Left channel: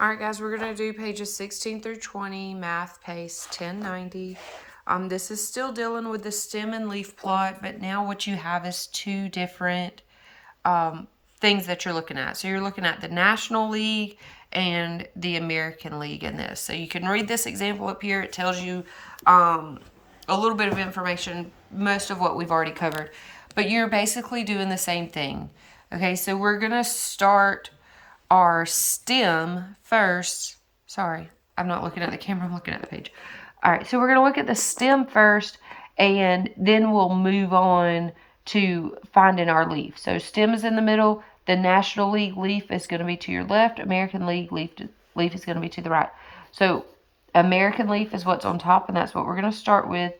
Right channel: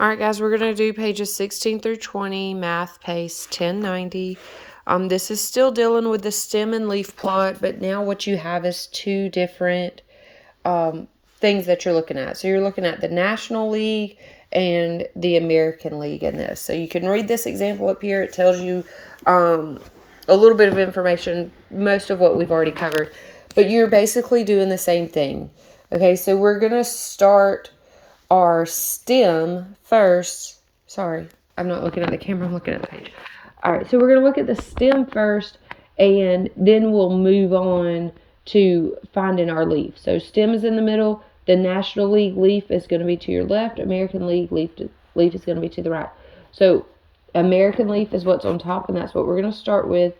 All right, guys, we're going to do pages 16 through 20, math pace 1090. This is still dealing with the stem and leaf plot, but now what you have is two different things that you're looking at. So you're looking at the National League and the American League in this. So you can read this example up here. It tells you a little bit of information, most of what we've already covered. But you're basically doing the same thing. Okay, so we're going to start our stem first. Sorry, I'm not looking at the camera, I'm looking at the page. All right, so we're going to look at the stem first, and then we'll move on to finding our leaf. So stem is in the middle. The National League leaf is going to be to your left. American League leaf is going to be to the right. So American leaf is what's on top, and that's what we're going to start with.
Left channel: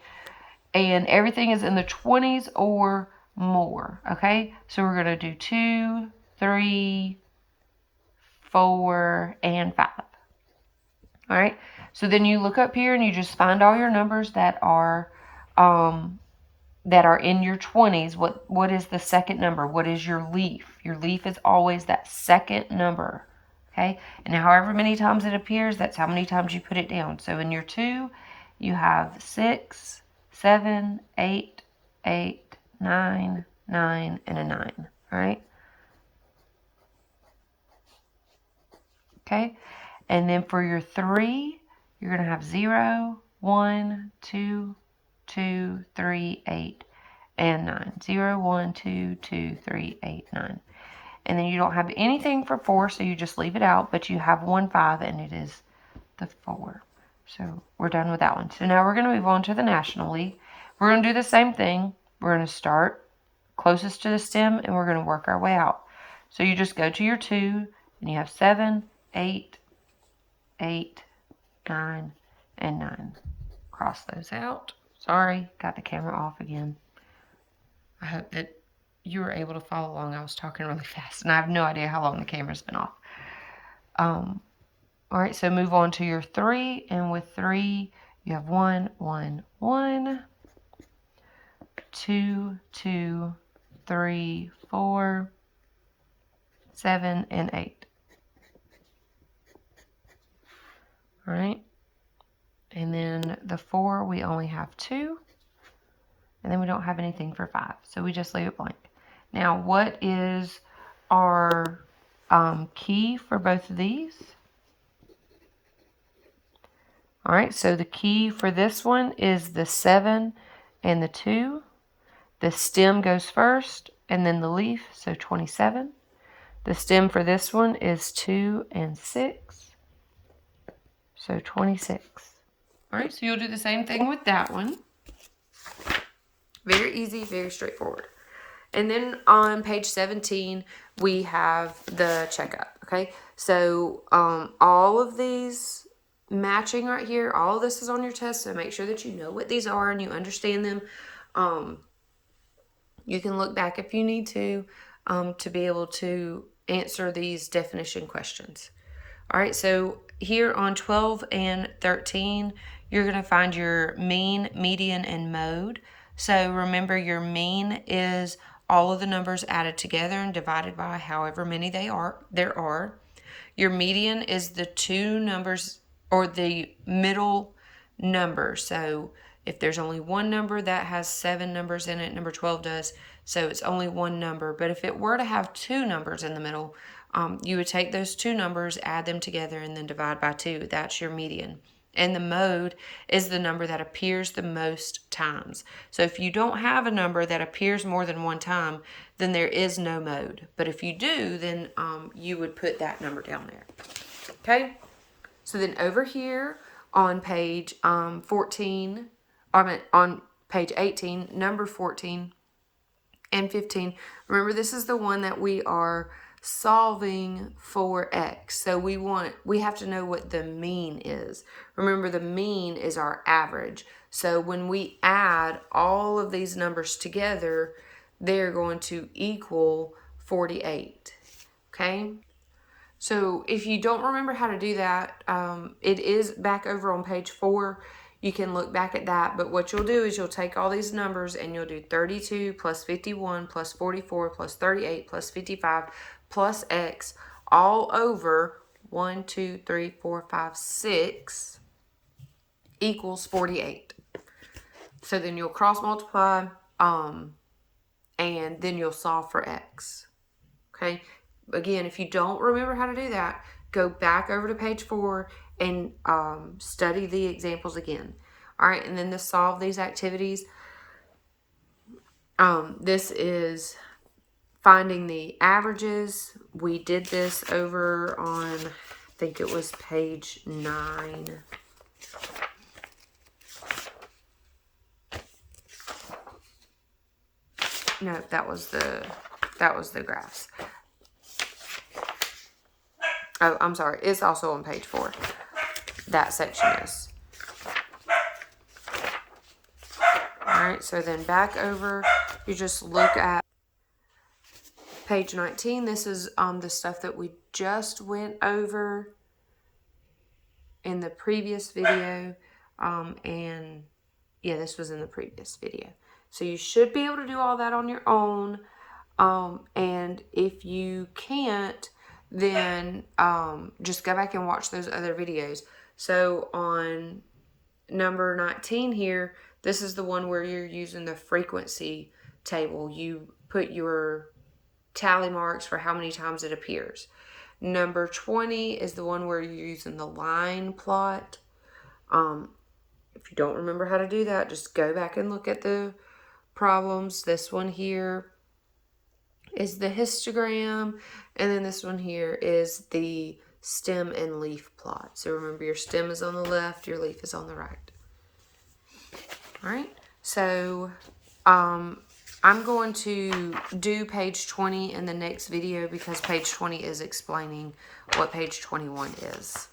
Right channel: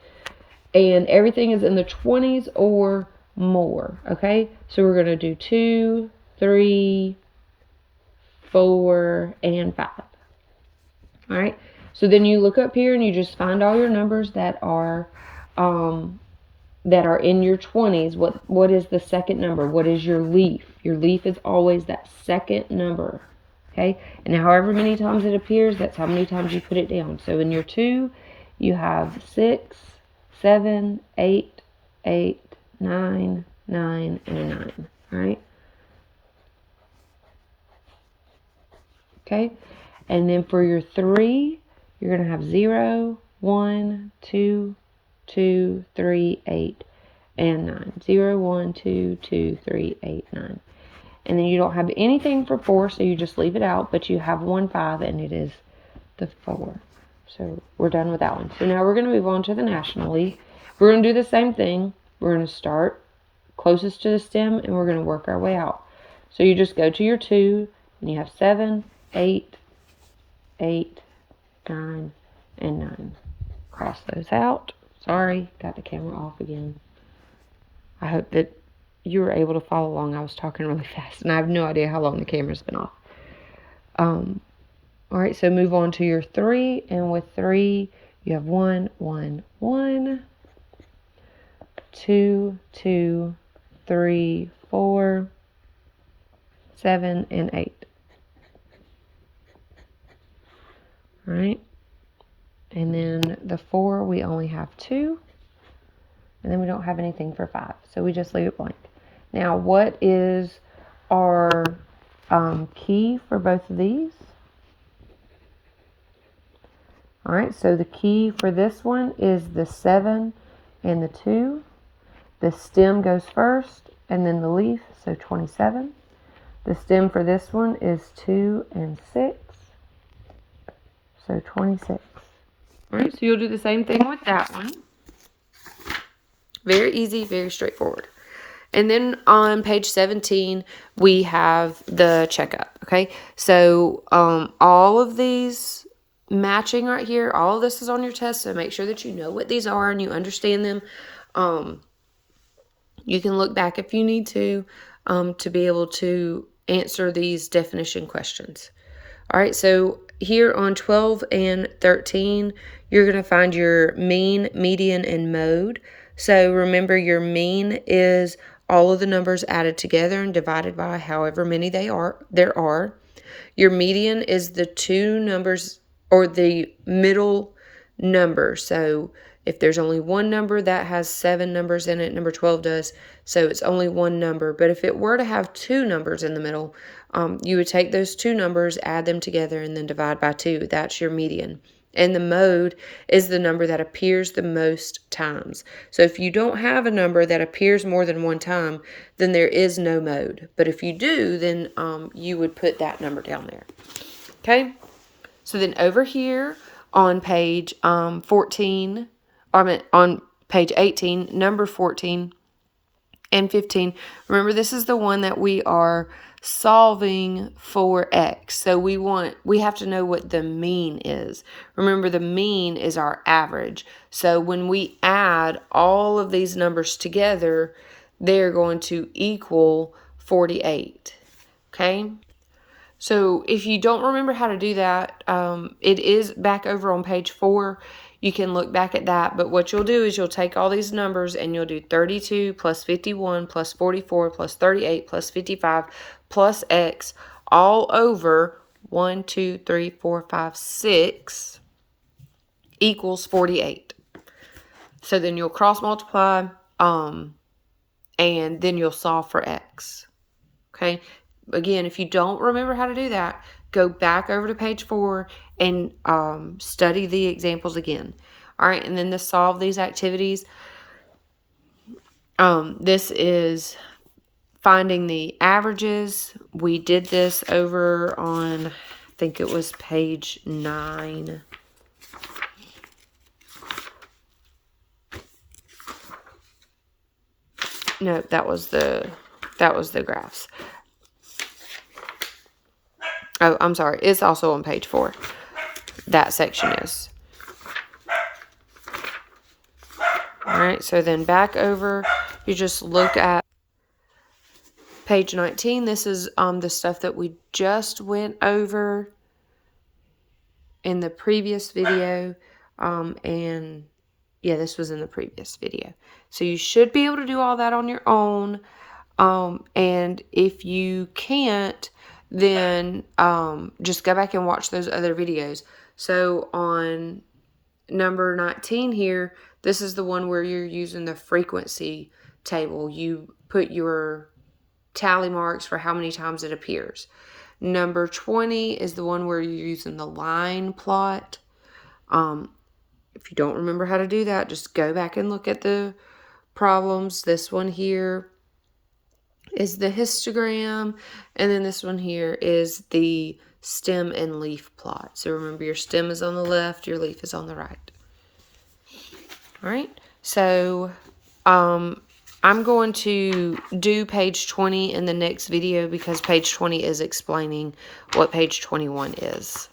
And everything is in the 20s or more, okay? So we're going to do 2, 3, 4, and 5. All right. So then you look up here and you just find all your numbers that are in your 20s. What is the second number? What is your leaf? Your leaf is always that second number. Okay. And however many times it appears, that's how many times you put it down. So in your 2, you have 6, 7, 8, 8, 9, 9, and a 9. All right. Okay. And then for your 3, you're going to have 0, 1, 2, 2, 3, 8, and 9. 0, 1, 2, 2, 3, 8, 9. And then you don't have anything for 4, so you just leave it out, but you have 1, 5, and it is the 4. So we're done with that one. So now we're going to move on to the National League. We're going to do the same thing. We're going to start closest to the stem, and we're going to work our way out. So you just go to your 2, and you have 7, 8, 8, 9, and 9. Cross those out. Sorry, got the camera off again. I hope that you were able to follow along. I was talking really fast, and I have no idea how long the camera's been off. All right, so move on to your 3, and with 3, you have 1, 1, 1, 2, 2, 3, 4, 7, and 8. All right. And then the 4, we only have 2. And then we don't have anything for 5. So we just leave it blank. Now, what is our key for both of these? All right, so the key for this one is the 7 and the 2. The stem goes first, and then the leaf, so 27. The stem for this one is 2 and 6, so 26. All right, so you'll do the same thing with that one. Very easy, very straightforward. And then on page 17, we have the checkup, okay? So all of these matching right here, all of this is on your test, so make sure that you know what these are and you understand them. You can look back if you need to be able to answer these definition questions. All right, so here on 12 and 13, you're going to find your mean, median, and mode. So remember, your mean is all of the numbers added together and divided by however many there are. Your median is the two numbers or the middle number. So if there's only one number, that has 7 numbers in it, number 12 does. So it's only one number. But if it were to have 2 numbers in the middle, you would take those 2 numbers, add them together, and then divide by 2. That's your median. And the mode is the number that appears the most times. So if you don't have a number that appears more than one time, then there is no mode. But if you do, then you would put that number down there. Okay? So then over here on page 14, on page 18, number 14 and 15, remember this is the one that we are solving for x. So we have to know what the mean is. Remember, the mean is our average. So when we add all of these numbers together, they're going to equal 48. Okay? So if you don't remember how to do that, it is back over on page 4. You can look back at that, but what you'll do is you'll take all these numbers and you'll do 32 plus 51 plus 44 plus 38 plus 55 plus x all over 1, 2, 3, 4, 5, 6 equals 48. So then you'll cross multiply, and then you'll solve for x. Okay. Again, if you don't remember how to do that, go back over to page 4 and study the examples again. All right. And then to solve these activities, this is finding the averages. We did this over on, I think it was page 9. No, that was the graphs. Oh, I'm sorry. It's also on page 4. That section is. All right, so then back over, you just look at page 19. This is the stuff that we just went over in the previous video. And yeah, this was in the previous video. So you should be able to do all that on your own. And if you can't, then just go back and watch those other videos. So on number 19 here, this is the one where you're using the frequency table. You put your tally marks for how many times it appears. Number 20 is the one where you're using the line plot. If you don't remember how to do that, just go back and look at the problems. This one here is the histogram, and then this one here is the stem and leaf plot. So remember, your stem is on the left, your leaf is on the right. All right, so I'm going to do page 20 in the next video because page 20 is explaining what page 21 is.